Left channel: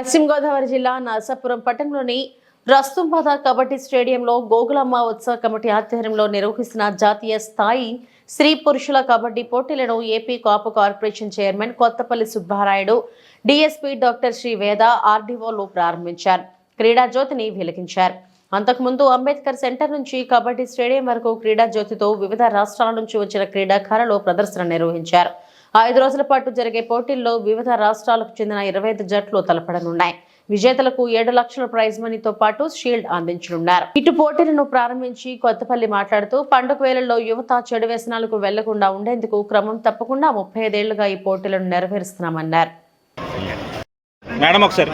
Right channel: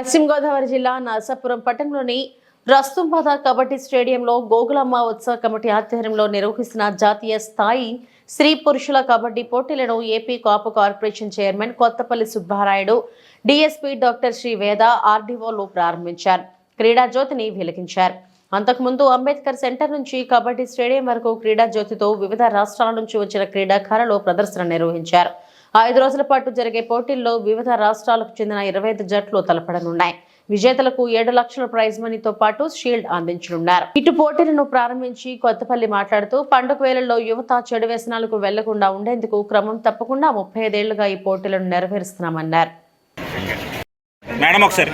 పశ్చిమ గోదావరి జిల్లా నరసాపురం పట్టణంలోని రస్తుంబాద కబడ్డీ స్టేడియంలో గోగులమ్మ ఉత్సవ కమిటీ ఆధ్వర్యంలో నిర్వహిస్తున్న జాతీయ స్థాయి స్త్రీ పురుషుల కబడ్డీ పోటీలను AP Kapu corporation chairman Kothapalli Subbarayudu DSP doctor Sri Veda ఆర్డీఓలు ప్రారంభించారు. క్రీడా జ్యోతిని వెలిగించారు. అంతకుముందు అంబేద్కర్ సెంటర్ నుంచి కబడ్డీ స్టేడియం వరకు క్రీడా జ్యోతితో వివిధ రాష్ట్రాల నుంచి వచ్చిన క్రీడాకారులు ప్రదర్శన నిర్వహించారు. ఐదు రోజుల పాటు జరిగే పోటీల్లో వివిధ రాష్ట్రాలకు చెందిన ఇరవై ఐదు జట్లు తలపడనున్నాయి. విజేతలకు ఏడు లక్షల ప్రైజ్ మనీతో పాటు షీల్డ్ అందించనున్నారు. ఇటు పోటీలను ప్రారంభించి కొత్తపల్లి మాట్లాడుతూ పండుగ వేళల్లో యువత చెడు వ్యసనాలకు వెళ్ళకుండా ఉండేందుకు క్రమం తప్పకుండా ముప్పై ఐదేళ్ళుగా ఈ పోటీలను నెరవేరుస్తున్నామన్నారు. మేడం ఒకసారి.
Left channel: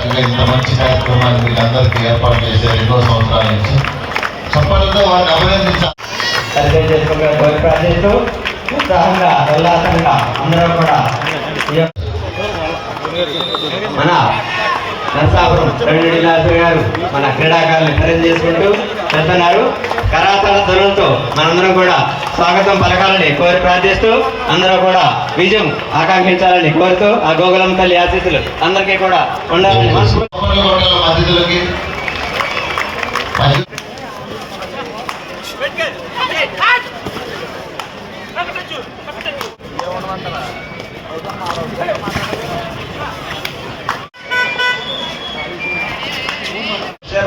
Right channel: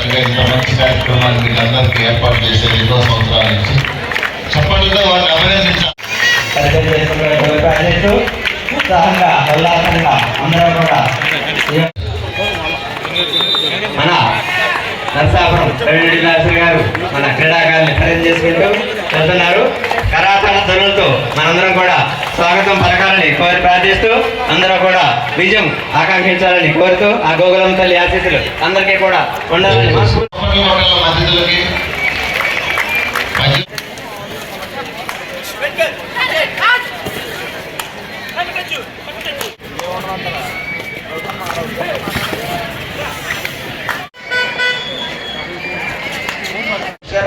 చక్కగా ఇంత మంచి కార్యక్రమాన్ని మీకు అందరికీ ఏర్పాటు చేశారు ఎన్నో సంవత్సరాల నుంచి చప్పట్లతో వారిని అభినందించాలి. ఉత్సాహంగా ఉల్లాసంగా అందరూ కూడా మన నరసాపురం గారు మన క్రీడాకారులు ఖరీదు చేసుకుంటూ వెళ్తున్నారు. ధ్వనులతో మనందరం కూడా స్వాగతం పలకాలని కోరి ప్రార్థిస్తూ అందరూ కూడా విజయం ఆకాంక్షించాలని కోరుతూ ఆ గోగులం తల్లి ఆశీస్సులు అందరికీ కూడా ఉండాలని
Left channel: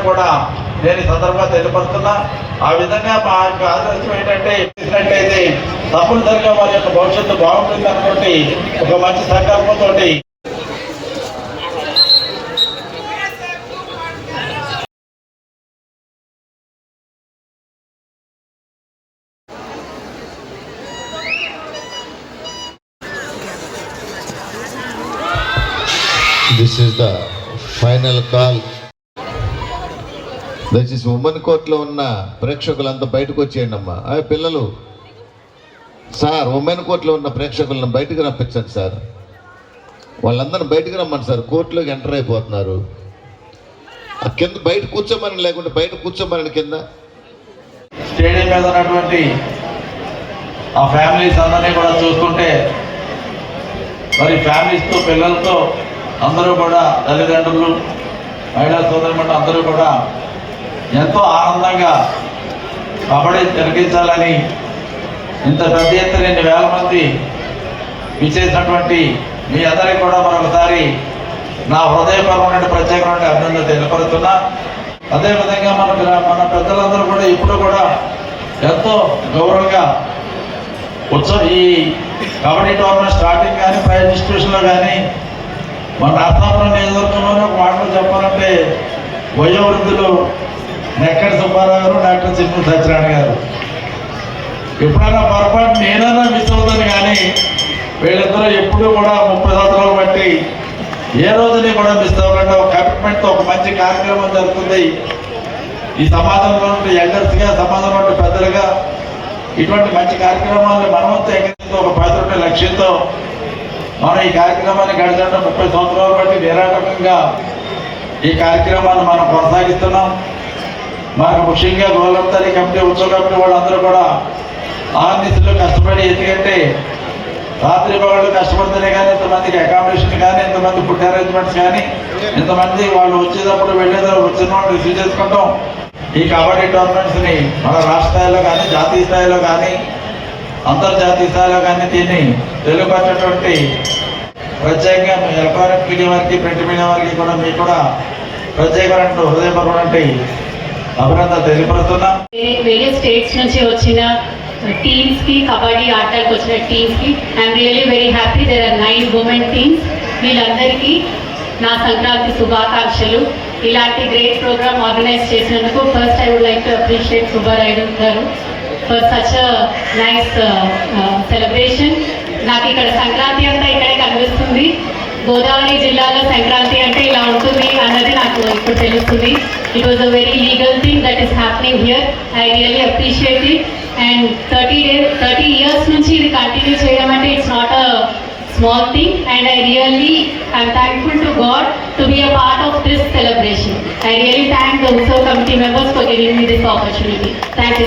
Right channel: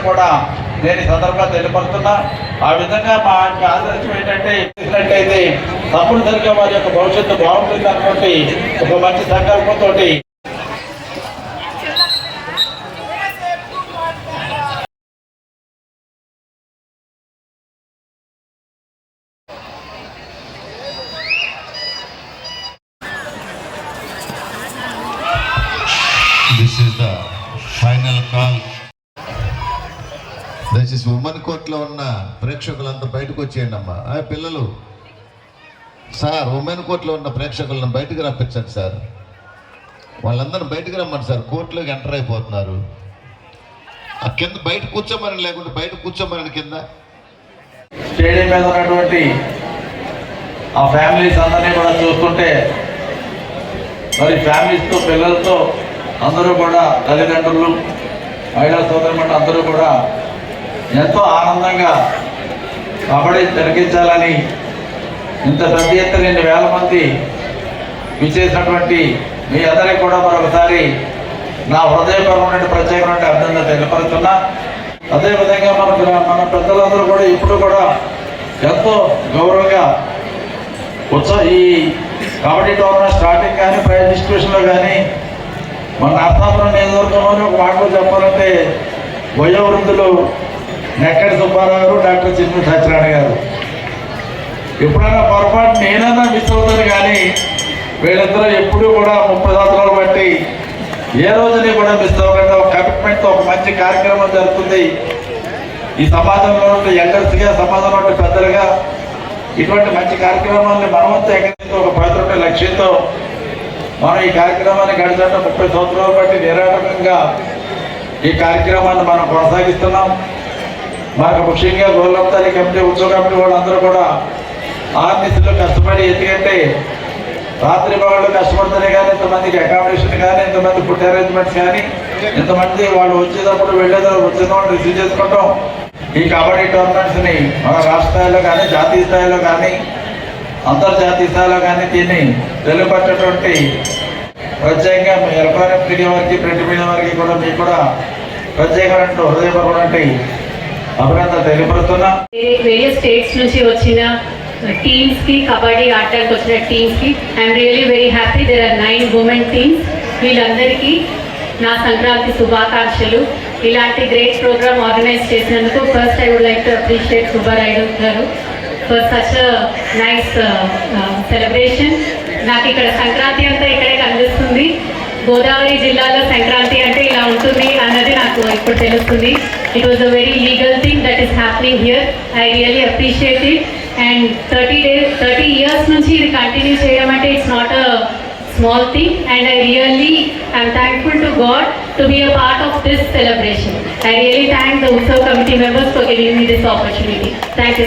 కూడా నేను ఈ సందర్భంగా తెలియపడుతున్నా ఆ విధంగా మా యొక్క ఆదర్శం ఏంటంటే చేసినట్టయితే తప్పనిసరిగా వారి యొక్క భవిష్యత్తు బాగుంటుంది అనుకోండి ఒక మంచి సంకల్పంతో This is the final call. దయచేసి ఉమ్మన్ కోర్టులో ఉన్న ప్రేక్షకులంతా బయటకు వచ్చేయండి అమ్మా. ఆ పిల్లలు సార్ ఉమెన్ కోర్టులో ఉన్న ప్రేక్షకులను బయటకు రప్పించండి సార్. వాళ్ళందరూ బయటకు రమ్మని సార్. కోర్టులోకి ఎంటర్ అయిపోతున్నారు. ఆ కింద బయట కూర్చోమని లేకుంటే బయట కూర్చోమని కింద. స్టేడియం మీద ఉన్నటువంటి ఆ ఫ్యామిలీస్ అందరినీ కూడా చూసుకుంటే మరి ఫ్యామిలీస్తో పిల్లలతో అందరూ కూడా తల్లిదండ్రులు మహిళా సోదరులు అందరూ కూడా ఎంతో ఆనందంగా కబడ్డీ తిలకించాలని ఇంత పెద్ద ఎత్తున ఎన్ని వేల మంది విచ్చేసినటువంటి మీ అందరికీ కూడా మరొకసారి నా హృదయపరమైన ప్రత్యేకమైన అభినందన తెలియపరుస్తున్నా. అదేవిధంగా మన మన పెద్దలందరూ కూడా ఇప్పుడు కూడా ఎంతో గౌరవంగా ఉత్సవ ఈ కబడ్డీ టోర్నమెంట్ స్టార్టింగ్ కానీ ప్రైజ్ డిస్ట్రిబ్యూషన్లో కానీ మన రాష్ట్రంలో నియోజకవర్గంలో ఒక మాటలు చెప్పాలంటే వయో డాక్టర్ సత్యనారాయణ గారు. ఎప్పుడైనా పొరపాటు నేనైనా మిస్ అవుతాను కానీ వీళ్ళందరూ ఎప్పుడు కూడా ముప్పై సంవత్సరాలు బట్టి ఏ రోజుని కూడా మిస్ అవ్వకుండా ఒక కమిట్మెంట్తో ఒక మంచి కార్యక్రమం జరుగుతుంది. ఈ సమాజంలో ఉండే ఎల్డర్స్గా సమాజంలో పెద్దలుగా ఇటువంటి మంచి కార్యక్రమాలని మనమంతా ఎగరేస్తూ ఒక పది రూపాయల లక్ష్యంతో మనం ఈ కార్యక్రమాన్ని గడిచిన ముప్పై సంవత్సరాలు బట్టి నిరాటకంగా ఈ కార్యక్రమాన్ని మనం కొనసాగిస్తున్నాం. మాకు ముఖ్యంగా గోలంతరి కమిటీ ఉత్సవ కమిటీ వాళ్ళందరూ కూడా ఆర్నిస్లో కష్టపడి ఎందుకంటే రాత్రి వాళ్ళు కష్టపడితేనే కానీ ఇంతమందికి అకామిడేషన్ కానీ ఇంతమంది ఫుడ్ అరేంజ్మెంట్స్ కానీ ఇంతమంది వాళ్ళు వచ్చేటప్పుడు వెళ్ళేటప్పుడు వచ్చిన వాళ్ళు రిసీవ్ చేసుకుంటాం. ఈ కబడ్డీ టోర్నమెంట్స్ని మన రాష్ట్ర స్థాయిలో కానీ జాతీయ స్థాయిలో కానీ అంతర్జాతీయ స్థాయిలో కానీ దీన్ని తెలుగుపట్టేటువంటి ప్రత్యేకంగా మీ ఎలక్ట్రానిక్ మీడియా వారికి ప్రింట్ మీడియా వారికి కూడా మీకు కూడా ప్రత్యేకమైన హృదయపరమైనటువంటి వేరే స్టేట్స్ నుంచి వచ్చిన టీమ్స్కి కబడ్డీ ఆటలకు వచ్చిన టీమ్స్కి I'm really very happy there are nine women teams వీళ్ళందరికీ నా సంక్రాంతి శుభాకాంక్షలు. ఇలాంటి గ్రేట్ ప్రోగ్రామ్ ఆర్గనైజ్ చేసినందుకు first I would like to appreciate Subbarayudu garu for such nice celebration నాకు ఇక్కడ సంక్రాంతి అంతా ఇక్కడే కనిపిస్తుంది. గోదావరి జిల్లాలో సంక్రాంతి అంటే ఇలా ఉంటుంది అన్నది నాకు ఇప్పుడు తెలుస్తుంది it was a very legal thing that is happening here I really appreciate it and thirty days thirty years నుంచి ఇది కంటిన్యూ చేయడం అంటే it's not a small thing and I really I'm thankful to God to be a part of this celebration. I really thank the Utsav committee members for giving me this opportunity. Thank you.